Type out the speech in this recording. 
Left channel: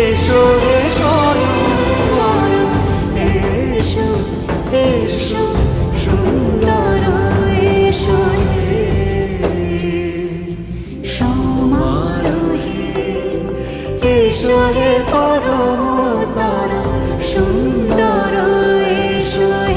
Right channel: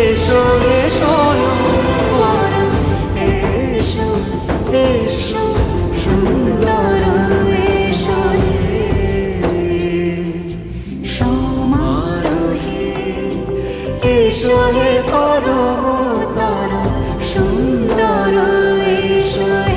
এসো এসো এসো এসো সুন্দর এসো সমার এসো হে পরমতর সুন্দর এসো